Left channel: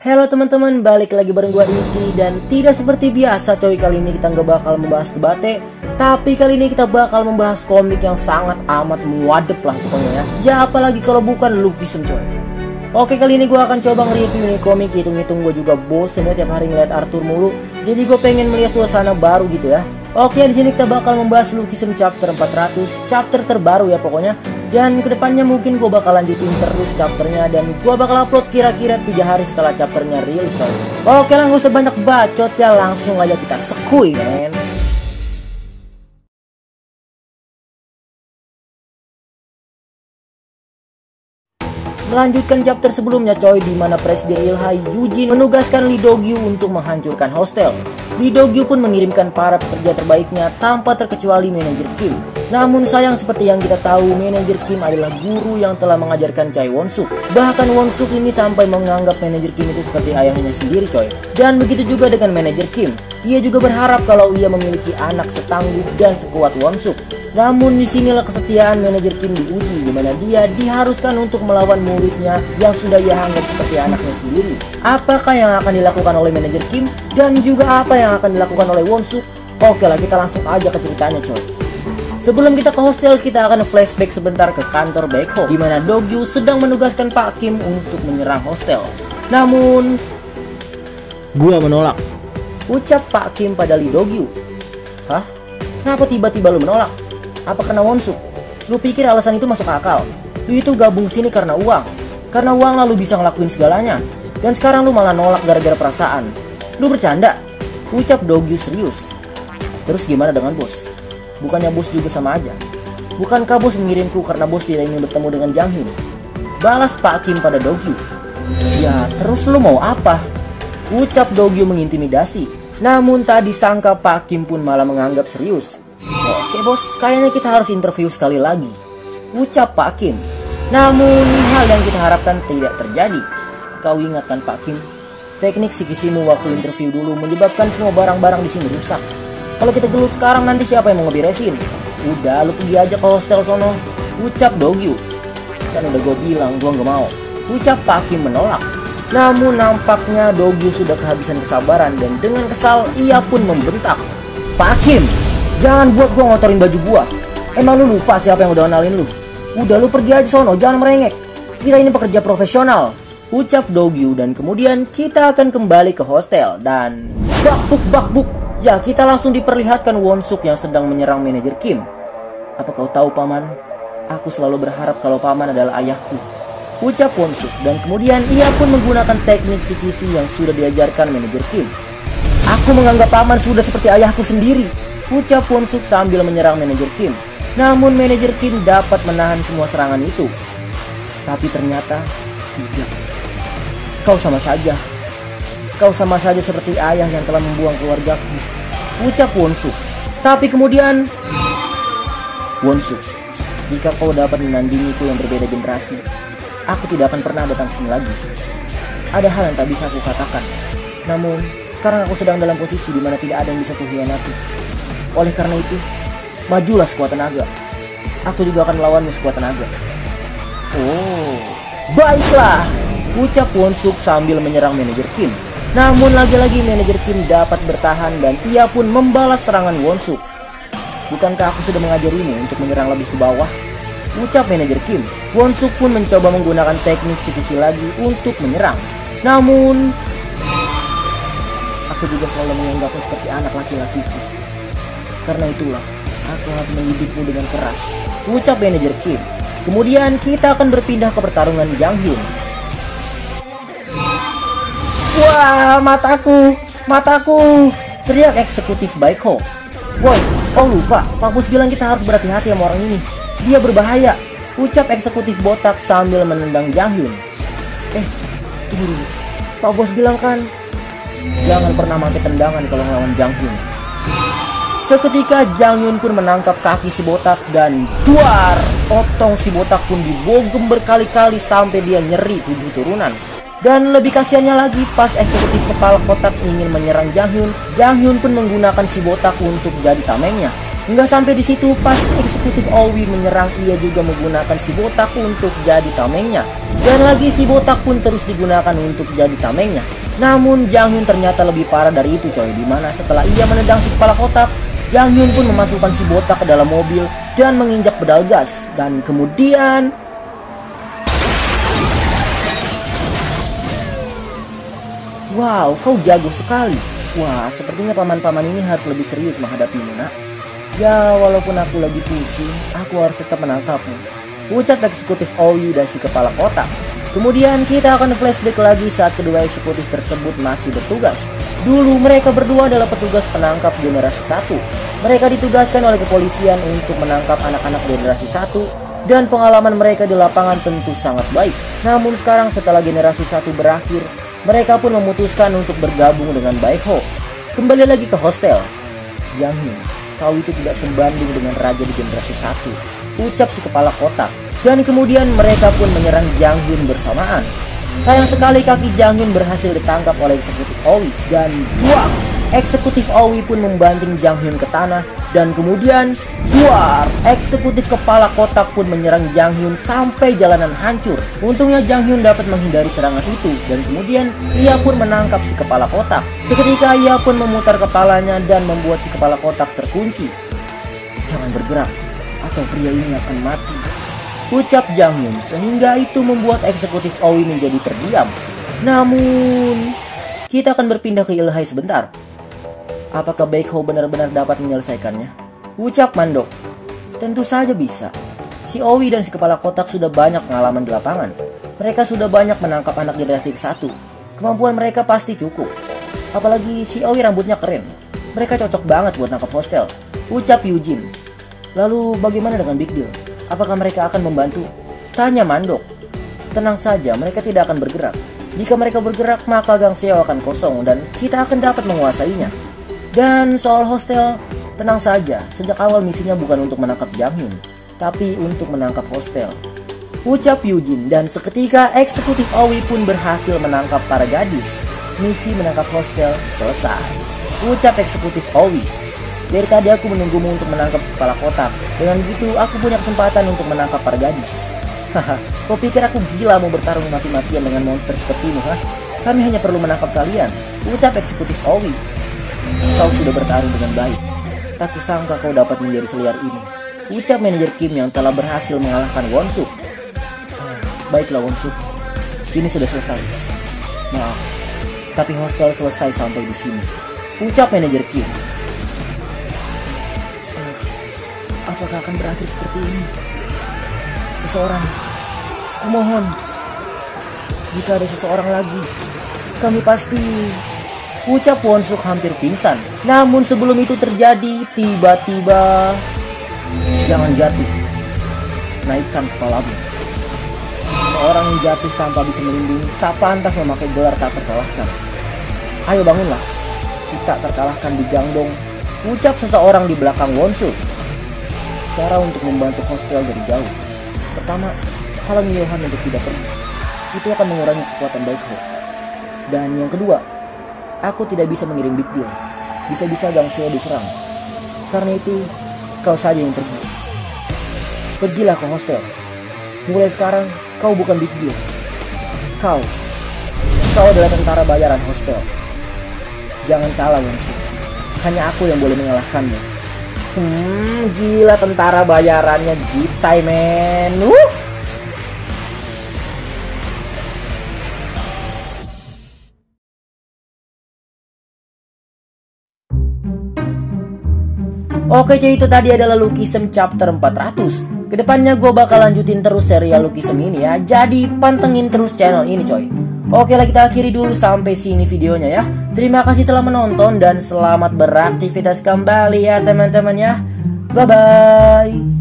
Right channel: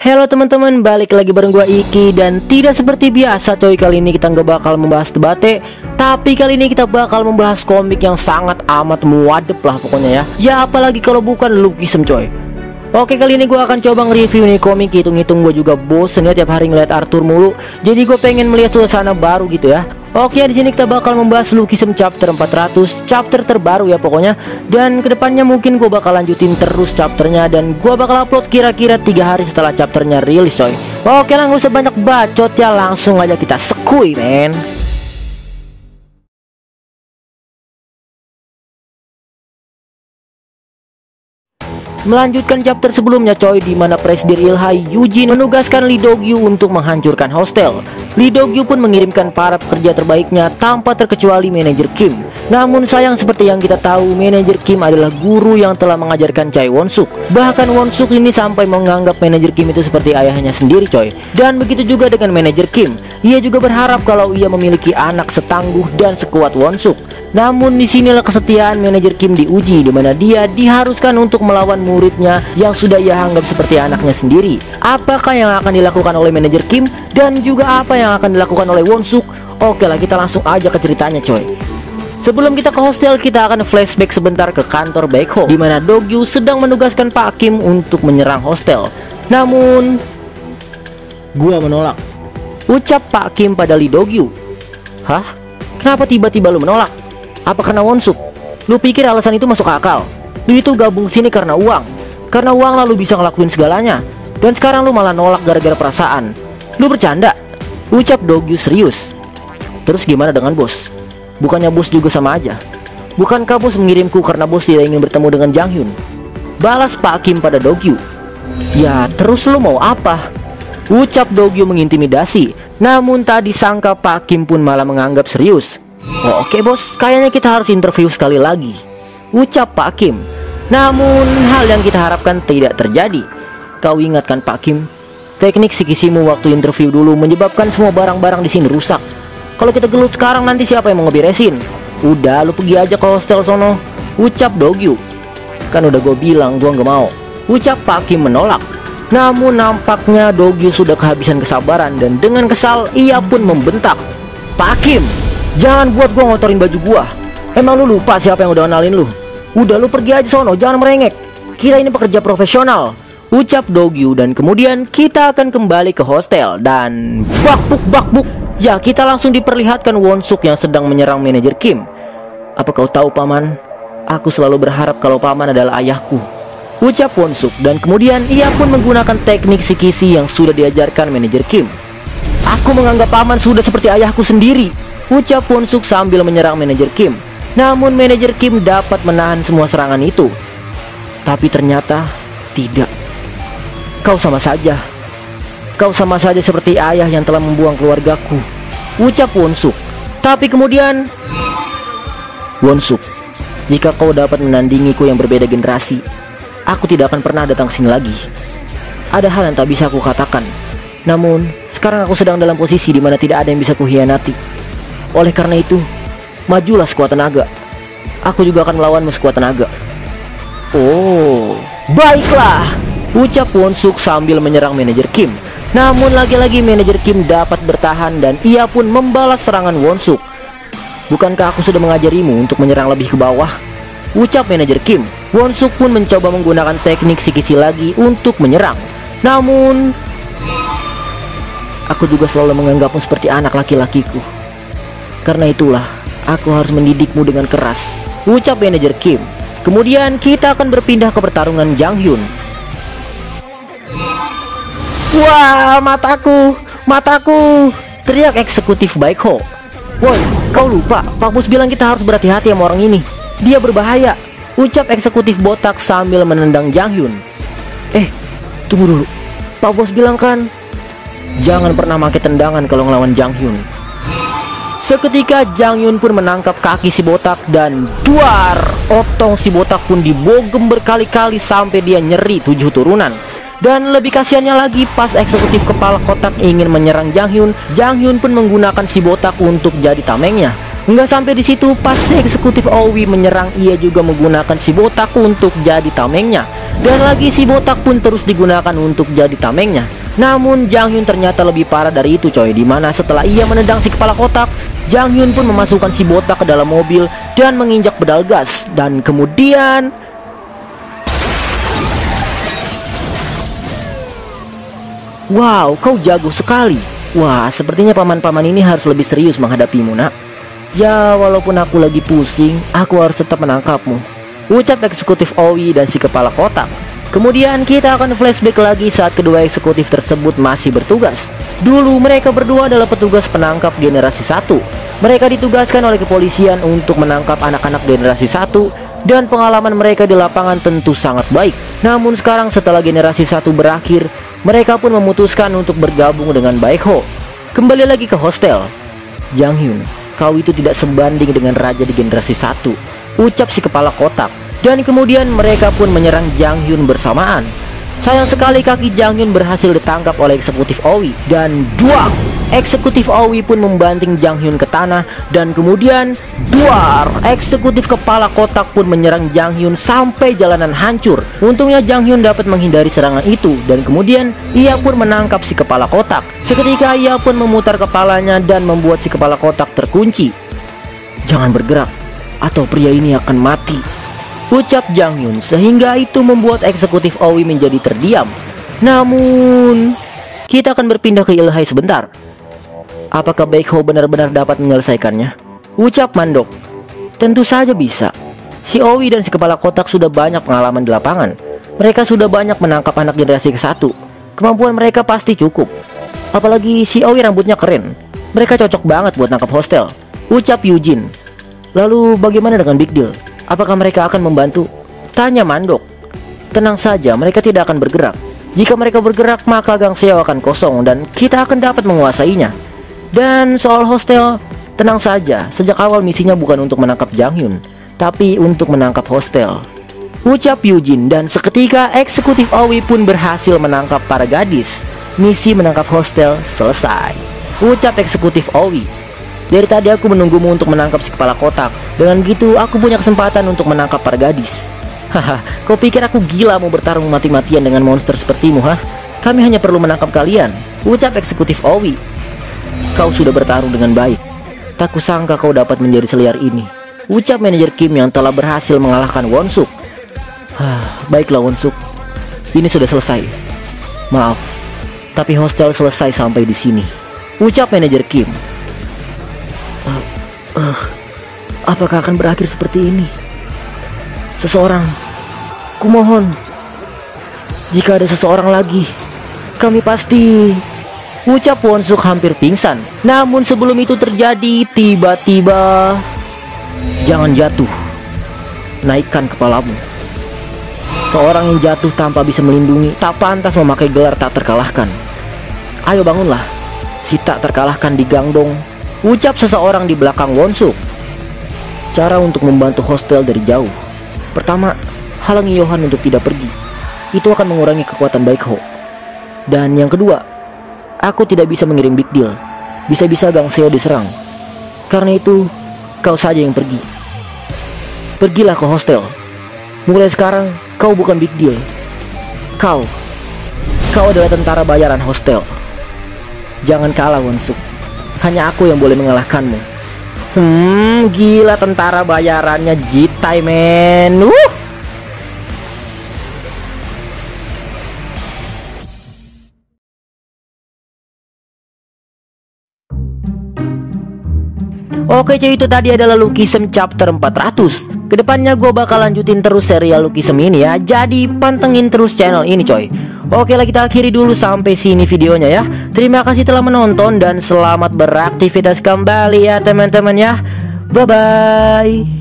Halo teman-teman, balik lagi bareng gua Iki. Dan tidak seperti biasa coy, kali ini kita nggak bakal membahas debate, tapi kali ini kita bakal membahas komik yang sangat amat muadep lah pokoknya ya. Ya apalagi kalau bukan Lukisem coy. Oke, kali ini gue akan coba nge-review nih komik. Hitung-hitung gue juga bosen ya tiap hari ngeliat Arthur mulu. Jadi gue pengen melihat suasana baru gitu ya. Oke, di sini kita bakal membahas Lukisem chapter 400, chapter terbaru ya pokoknya. Dan kedepannya mungkin gue bakal lanjutin terus chapternya, dan gue bakal upload kira-kira 3 hari setelah chapternya rilis coy. Oke lah, gak usah banyak bacot ya, langsung aja kita sekui men. Melanjutkan chapter sebelumnya coy, di mana Presidir Ilhai Yujin menugaskan Lee Do-gyu untuk menghancurkan hostel. Lee Do-gyu pun mengirimkan para pekerja terbaiknya tanpa terkecuali manajer Kim. Namun sayang, seperti yang kita tahu, manajer Kim adalah guru yang telah mengajarkan Chae Won-suk. Bahkan Won-suk ini sampai menganggap manajer Kim itu seperti ayahnya sendiri coy. Dan begitu juga dengan manajer Kim. Ia juga berharap kalau ia memiliki anak setangguh dan sekuat Won-suk. Namun disinilah kesetiaan manajer Kim diuji, di mana dia diharuskan untuk melawan muridnya yang sudah ia anggap seperti anaknya sendiri. Apakah yang akan dilakukan oleh manajer Kim, dan juga apa yang akan dilakukan oleh Won-suk? Oke lah, kita langsung aja ke ceritanya coy. Sebelum kita ke hostel, kita akan flashback sebentar ke kantor Baekho, di mana Do-gyu sedang menugaskan Pak Kim untuk menyerang hostel. Namun gua menolak, ucap Pak Kim pada Lee Do-gyu. Hah? Kenapa tiba-tiba lu menolak? Apa karena Won-suk? Lu pikir alasan itu masuk akal? Lu itu gabung sini karena uang. Karena uang lalu bisa ngelakuin segalanya. Dan sekarang lu malah nolak gara-gara perasaan. Lu bercanda? Ucap Do-gyu serius. Terus gimana dengan bos? Bukannya bos juga sama aja? Bukankah bos mengirimku karena bos tidak ingin bertemu dengan Jang Hyun? Balas Pak Kim pada Do-gyu. Ya terus lu mau apa? Ucap Do-gyu mengintimidasi. Namun tak disangka Pak Kim pun malah menganggap serius. Oke bos, kayaknya kita harus interview sekali lagi, ucap Pak Kim. Namun hal yang kita harapkan tidak terjadi. Kau ingatkan Pak Kim, teknik sikisimu waktu interview dulu menyebabkan semua barang-barang di sini rusak. Kalau kita gelut sekarang, nanti siapa yang mau ngeberesin? Udah, lu pergi aja ke hostel sono, ucap Do-gyu. Kan udah gue bilang gue gak mau, ucap Pak Kim menolak. Namun nampaknya Do-gyu sudah kehabisan kesabaran, dan dengan kesal ia pun membentak. Pak Kim, jangan buat gua ngotorin baju gua. Emang lu lupa siapa yang udah kenalin lu? Udah lu pergi aja sono, jangan merengek. Kita ini pekerja profesional, ucap Do-gyu. Dan kemudian kita akan kembali ke hostel. Dan bakbuk. Ya, kita langsung diperlihatkan Won-suk yang sedang menyerang manajer Kim. Apa kau tahu paman? Aku selalu berharap kalau paman adalah ayahku, ucap Won-suk. Dan kemudian ia pun menggunakan teknik sikisi yang sudah diajarkan manajer Kim. Aku menganggap paman sudah seperti ayahku sendiri, ucap Won-suk sambil menyerang manajer Kim. Namun manajer Kim dapat menahan semua serangan itu. Tapi ternyata tidak. Kau sama saja seperti ayah yang telah membuang keluargaku, ucap Won-suk. Tapi kemudian, Won-suk, jika kau dapat menandingiku yang berbeda generasi, aku tidak akan pernah datang sini lagi. Ada hal yang tak bisa aku katakan. Namun sekarang aku sedang dalam posisi di mana tidak ada yang bisa kuhianati. Oleh karena itu, majulah sekuat tenaga. Aku juga akan melawanmu sekuat tenaga. Oh, baiklah, ucap Won-suk sambil menyerang manajer Kim. Namun lagi-lagi manajer Kim dapat bertahan, dan ia pun membalas serangan Won-suk. Bukankah aku sudah mengajarimu untuk menyerang lebih ke bawah, ucap manajer Kim. Won-suk pun mencoba menggunakan teknik sikisi lagi untuk menyerang. Namun aku juga selalu menganggapmu seperti anak laki-lakiku. Karena itulah aku harus mendidikmu dengan keras, ucap manajer Kim. Kemudian kita akan berpindah ke pertarungan Jang Hyun. Wah, mataku, teriak eksekutif Baekho. Wow, kau lupa, Pak Bos bilang kita harus berhati-hati sama orang ini. Dia berbahaya, ucap eksekutif botak sambil menendang Jang Hyun. Tunggu dulu, Pak Bos bilang kan jangan pernah pakai tendangan kalau ngelawan Jang Hyun. Seketika Jang Hyun pun menangkap kaki si botak, dan duar, otong si botak pun dibogem berkali-kali sampai dia nyeri 7 turunan. Dan lebih kasihannya lagi, pas eksekutif kepala kotak ingin menyerang Jang Hyun pun menggunakan si botak untuk jadi tamengnya. Nggak sampai di situ, pas eksekutif Owi menyerang, ia juga menggunakan si botak untuk jadi tamengnya. Dan lagi si botak pun terus digunakan untuk jadi tamengnya. Namun Jang Hyun ternyata lebih parah dari itu coy, dimana setelah ia menendang si kepala kotak, Jang Hyun pun memasukkan si botak ke dalam mobil dan menginjak pedal gas. Dan kemudian wow, kau jago sekali. Wah, sepertinya paman-paman ini harus lebih serius menghadapimu, nak. Ya, walaupun aku lagi pusing, aku harus tetap menangkapmu, ucap eksekutif Owi dan si kepala kotak. Kemudian kita akan flashback lagi saat kedua eksekutif tersebut masih bertugas. Dulu mereka berdua adalah petugas penangkap generasi 1. Mereka ditugaskan oleh kepolisian untuk menangkap anak-anak generasi 1, dan pengalaman mereka di lapangan tentu sangat baik. Namun sekarang setelah generasi 1 berakhir, mereka pun memutuskan untuk bergabung dengan Baekho. Kembali lagi ke hostel. Jang Hyun, kau itu tidak sebanding dengan raja di generasi 1, ucap si kepala kotak. Dan kemudian mereka pun menyerang Jang Hyun bersamaan. Sayang sekali kaki Jang Hyun berhasil ditangkap oleh eksekutif Owi. Dan duar, eksekutif Owi pun membanting Jang Hyun ke tanah. Dan kemudian duar, eksekutif kepala kotak pun menyerang Jang Hyun sampai jalanan hancur. Untungnya Jang Hyun dapat menghindari serangan itu. Dan kemudian ia pun menangkap si kepala kotak. Seketika ia pun memutar kepalanya dan membuat si kepala kotak terkunci. Jangan bergerak atau pria ini akan mati, ucap Jang Hyun, sehingga itu membuat eksekutif Owi menjadi terdiam. Namun kita akan berpindah ke Ilhai sebentar. Apakah Baekho benar-benar dapat menyelesaikannya, ucap Mandok. Tentu saja bisa. Si Owi dan si kepala kotak sudah banyak pengalaman di lapangan. Mereka sudah banyak menangkap anak generasi ke-1. Kemampuan mereka pasti cukup. Apalagi si Owi rambutnya keren. Mereka cocok banget buat nangkap hostel, ucap Eugene. Lalu bagaimana dengan Big Deal? Apakah mereka akan membantu? Tanya Mandok. Tenang saja, mereka tidak akan bergerak. Jika mereka bergerak, maka Gang Seo akan kosong dan kita akan dapat menguasainya. Dan soal hostel, tenang saja, sejak awal misinya bukan untuk menangkap Jang Hyun, tapi untuk menangkap hostel, ucap Eugene. Dan seketika eksekutif Owi pun berhasil menangkap para gadis. Misi menangkap hostel selesai, ucap eksekutif Owi. Dari tadi aku menunggumu untuk menangkap si kepala kotak. Dengan gitu aku punya kesempatan untuk menangkap para gadis. Haha, kau pikir aku gila mau bertarung mati-matian dengan monster sepertimu, hah? Kami hanya perlu menangkap kalian, ucap eksekutif Owi. Kau sudah bertarung dengan baik. Tak kusangka kau dapat menjadi seliar ini, ucap manajer Kim yang telah berhasil mengalahkan Won-suk. Baiklah Won-suk, ini sudah selesai. Maaf, tapi hostel selesai sampai di sini, ucap manajer Kim. Apakah akan berakhir seperti ini? Seseorang, kumohon, jika ada seseorang lagi, kami pasti, ucap Won-suk hampir pingsan. Namun sebelum itu terjadi, tiba-tiba, jangan jatuh, naikkan kepalamu. Seorang yang jatuh tanpa bisa melindungi tak pantas memakai gelar tak terkalahkan. Ayo bangunlah, si tak terkalahkan di Gangdong, ucap seseorang di belakang Won-suk. Cara untuk membantu hostel dari jauh. Pertama, halangi Johan untuk tidak pergi. Itu akan mengurangi kekuatan Baekho. Dan yang kedua, aku tidak bisa mengirim Big Deal. Bisa-bisa Gang Seo diserang. Karena itu, kau saja yang pergi. Pergilah ke hostel. Mulai sekarang, kau bukan Big Deal. Kau adalah tentara bayaran hostel. Jangan kalah Won-suk. Hanya aku yang boleh mengalahkanmu. Gila tentara bayarannya Jitai men. Oke cuy, itu tadi adalah Lookism chapter 400. Kedepannya gue bakal lanjutin terus serial Lookism ini ya. Jadi pantengin terus channel ini coy. Oke lah, kita akhiri dulu sampai sini videonya ya. Terima kasih telah menonton dan selamat beraktivitas kembali ya teman-teman ya. Bye bye.